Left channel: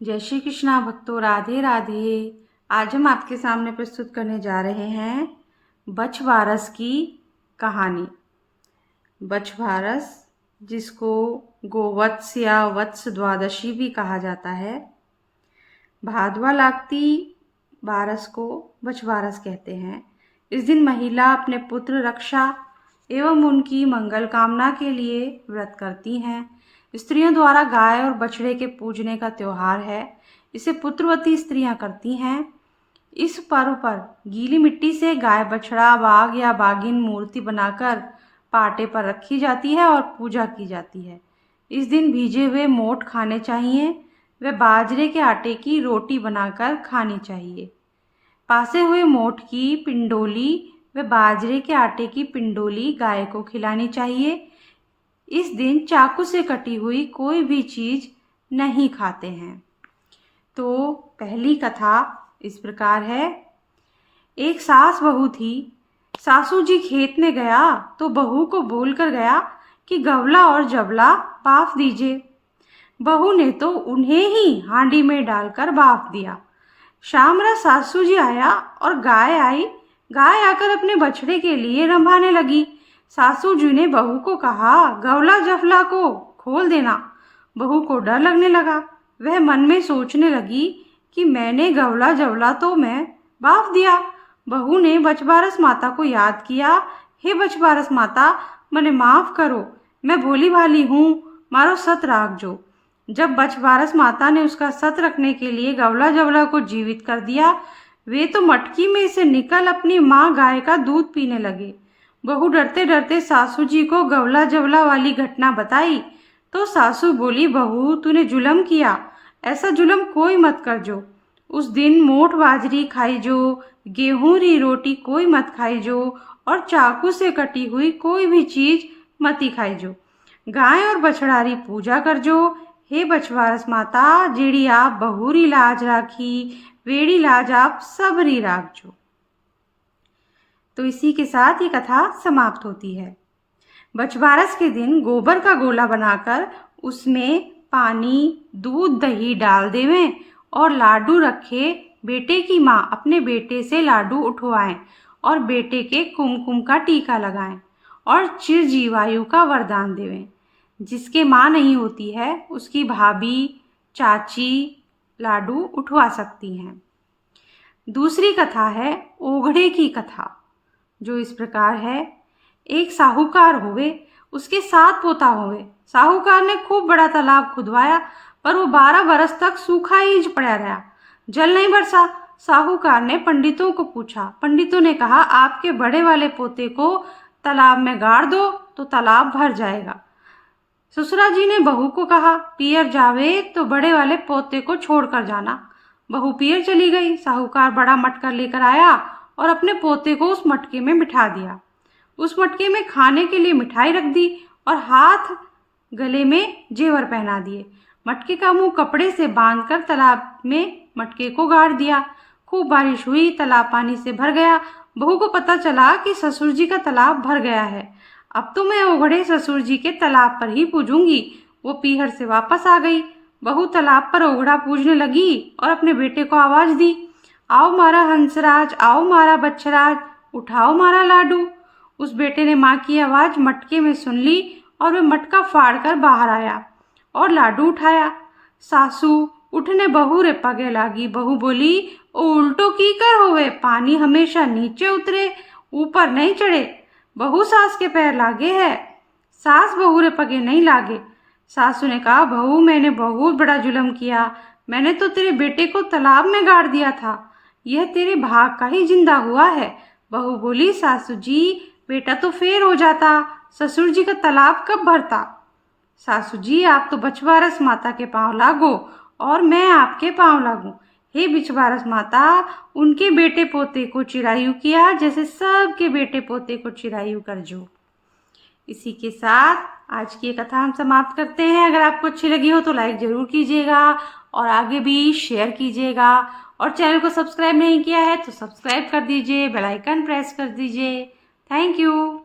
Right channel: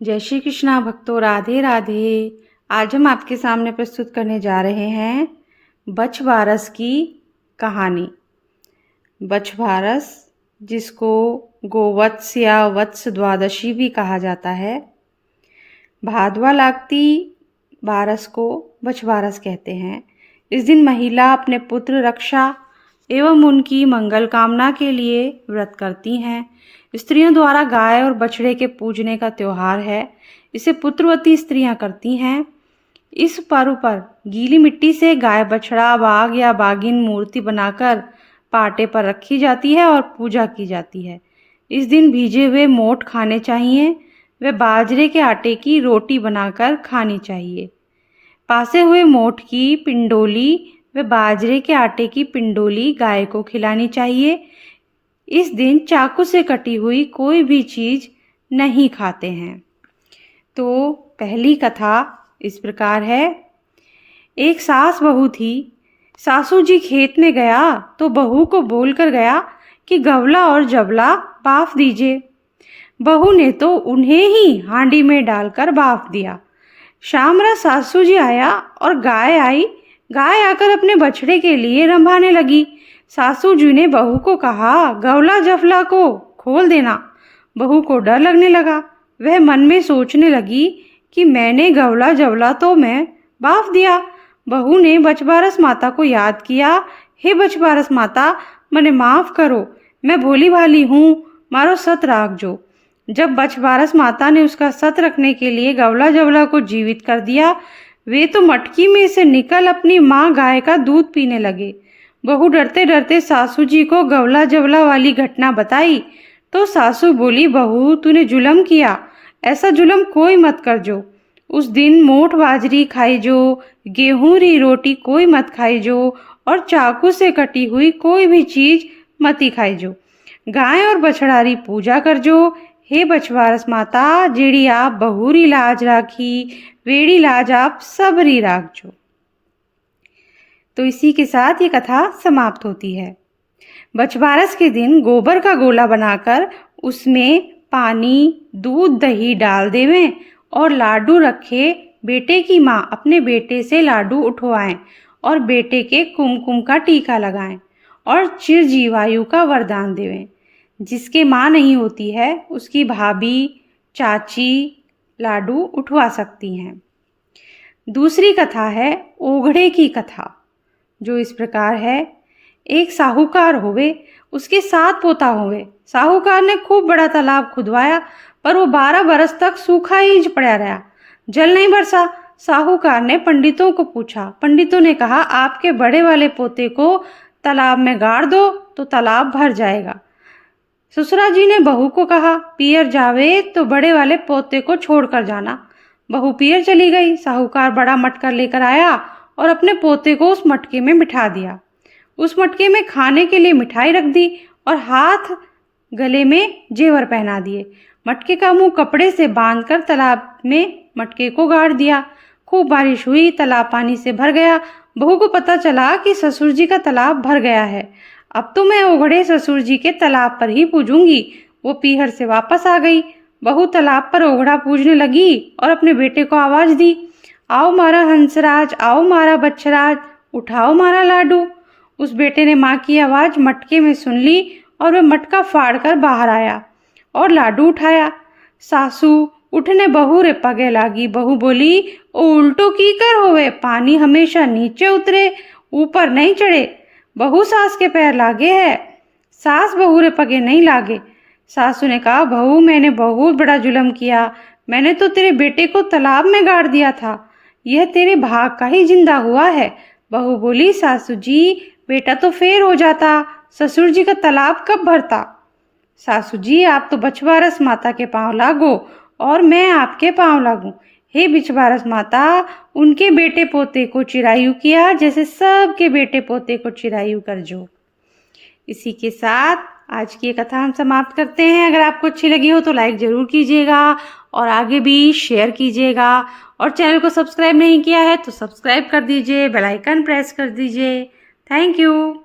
जय श्री कृष्णा भक्तों, राधे राधे। आज हम आपके सामने प्रस्तुत करने जा रहे हैं बछवारस की कहानी। बछवारस, जिसको गोवत्स या वत्स द्वादशी भी कहा जाता है, भादवा लागती बारस को बछवारस कहते हैं। इस दिन महिला अपने पुत्र रक्षा एवं उनकी मंगल कामना के लिए व्रत करती हैं। स्त्रियों द्वारा गाय और बछड़े के पूजने का त्योहार है। इसे पुत्रवती स्त्रियां करती हैं। इस पर्व पर गीली मिट्टी से गाय, बछड़ा, बाघ या बाघिन मूर्ति बनाकर पाटे पर रखी जाती है और पूजा की जाती है। इस दिन भीजे हुए मोठ खाने चाहिए। वे बाजरे के आटे की रोटी बनाकर खानी चाहिए। पासे हुए मोठ की पिंडोली व बाजरे के आटे की पिंडोली गाय को खिलानी चाहिए। इस दिन चाकू से कटी हुई कोई भी चीज नहीं खाते हैं। तो पहली कथा इस प्रकार है। एक सास बहू थी। सासू जी खेत में गया तो बहू को बोलकर गया कि गवला और जबला बाफ दीजिए। बहू ने तो उन्हें ही हांडी में डालकर बाफ दिया। शामरा सासू जी आया और गाय आई। गाय आकर अपने बछड़े के लिए रंभाने लगी। सासू जी ने बहू को कहा, गवला जफला को खोल देना। बहू को डर लगने लगा। वह मन में सोचने लगी कि मैंने गवला जवला तो मैं बाफ दिया। बहू ने बछवारस माता को याद किया। हे बछवारस माता, मने माफ करो, मैं भोली भाली हूँ, मारो सत राख जो। जब बछवारस माता ने उसका सत रखने के लिए गवला जवला को जीवित कर दिया, वे तो मटकी में से निकल अपनी माँ गाय का दूध पीने लगे। बहू डरते डरते सासू जी को गवला जवला वाली घटना बताई तो सासू बोली, बहू तूने जुलम किया, ऐसा जुलम कोई मत कर जो। उस दिन मोठ बाजरी खाई जो, गेहूं री रोटी कोई मत खाई जो, और चाकू से कटी हुई कोई भी चीज मती खाई जो। गाय और बछड़ा री पूजा कर जो। हे बछवारस माता, जेड़ी आप बहुरी लाज राखी, वेड़ी लाज आप सबरी राख जो। तो इसी के साथ ये कथा समाप्त होती है। बछवारस के दिन गोबर का गोला बनाकर उसमें पानी, दूध, दही डाल देवें और लाडू रखे बेटे की माँ अपने बेटे से लाडू उठवाएं और बेटे के कुमकुम का टीका लगाएं और चिरजीवायु का वरदान देवें। जिसके माँ नहीं होती है उसकी भाभी, चाची लाडू उठवा सकती हैं। दूसरी कथा है ओघड़े की कथा, जो इस प्रकार है। एक साहूकार होवे, उसके 7 पोता होवे। साहूकार ने खूब बड़ा तालाब खुदवाया, पर वो 12 बरस तक सूखा ही पड़ा रहा, जल नहीं बरसा। साहूकार ने पंडितों को पूछा। पंडितों ने कहा, आपके बड़े वाले पोते को तालाब में गाड़ दो तो तालाब भर जाएगा। ससुरा जी ने बहू को कहा, पियर जावे तो बड़े वाले पोते को छोड़कर जाना। बहू पियर चली गई। साहूकार बड़ा मटका लेकर आया और अपने पोते को उस मटके में बिठा दिया। उस मटके में खाने के लिए मिठाई रख दी और हाथ गले में जेवर पहना दिए। मटके का मुंह कपड़े से बांधकर तालाब में मटके को गाड़ दिया। खूब बारिश हुई, तालाब पानी से भर गया। बहू को पता चला कि ससुर जी का तालाब भर गया है। अब तो मैं ओघड़े ससुर जी के तालाब पर ही पूजूंगी। वो पीहर से वापस आ गई। बहू तालाब पर ओघड़ा पूजने लगी और अपने बेटे को आवाज दी, आओ मारा हंसराज, आओ मारा बच्छराज, उठाओ मारा लाडू। उस बेटे ने माँ की आवाज मटके में सुन ली और वह मटका फाड़कर बाहर आया और लाडू उठाया। सासू उठने बहू रे पगे लागी। बहू बोली, ओ उल्टो की कर होवे, पानी हमेशा नीचे उतरे, ऊपर नहीं चढ़े। बहू सास के पैर लागे है, सास बहू रे पगे नहीं लागे। सासू ने कहा, बहू मैंने बहुत बड़ा जुल्म किया, मैंने तो तेरे बेटे को तालाब में गाड़ दिया था, यह तेरे भाग का ही जिंदा हुआ है। बहू बोली, सासू जी बेटा तो फेर हो जाता, ससुर जी का तालाब कब भरता। सासू जी आप तो बछवारस माता के पांव लागो और मैं आपके पांव लागू। हे बछवारस माता, उनके बेटे पोते को चिरायु किया जैसे सबके बेटे पोते को चिरायु कर जो। इसी के साथ आज की कथा हम समाप्त करते हैं। अगर आपको अच्छी लगी हो तो लाइक जरूर कीजिएगा और आगे भी शेयर कीजिएगा, और चैनल को सब्सक्राइब नहीं किया है तो सब्सक्राइब कर दीजिए, बेल आइकन प्रेस कर दीजिए। Thank you.